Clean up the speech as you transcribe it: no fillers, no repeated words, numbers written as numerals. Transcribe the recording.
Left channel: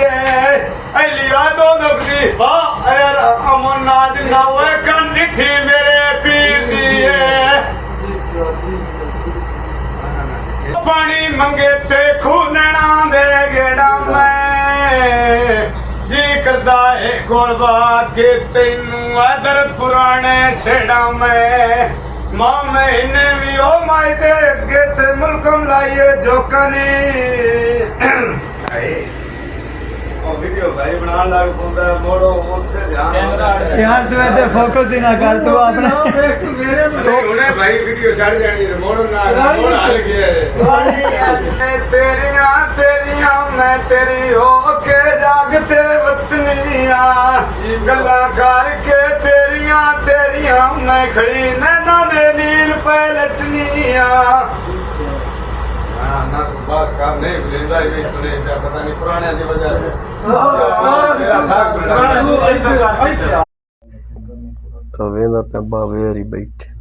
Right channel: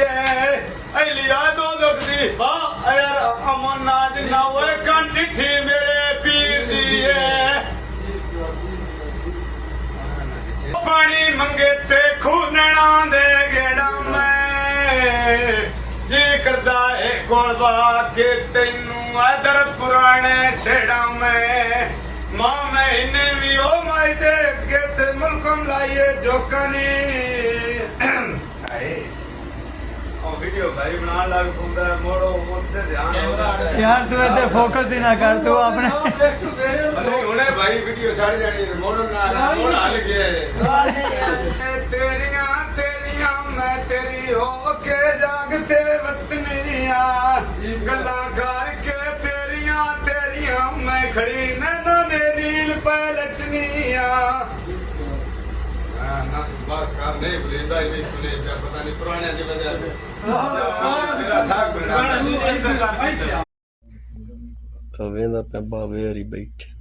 है लिया दो दुखदी वाह यार अमन नाज ना हुए कंठी मेरे पीर दी है पानी मंगे ते खूनना दे गेड़ा मैं जी करदा है कोलवा के तैनू आदर पुराने छेड़ा मैं मां महीने भी ओ माई दे के ते मुल्कम लाइए जोकनी आए ओ वीडियो भाई बना लाग पोंदा मोड़ो ओते ध्यान यार तू इधर फोकस ही ना कर तू अपने तो हुने भाई वीडियो छड़ जानी है मोड़ो ना मोड़ हल गया तेरियां तेरियां मैं तेरी हो के जागते वतनिया गल्ला करके तेरियां तेरियां मैं खड़ी नैना दे नील पे लटनिया हां ना तो बस काम नहीं लेंदा नहीं सुने पता नहीं पुराने की वजह से तो वेंदा पे बावे री बैठे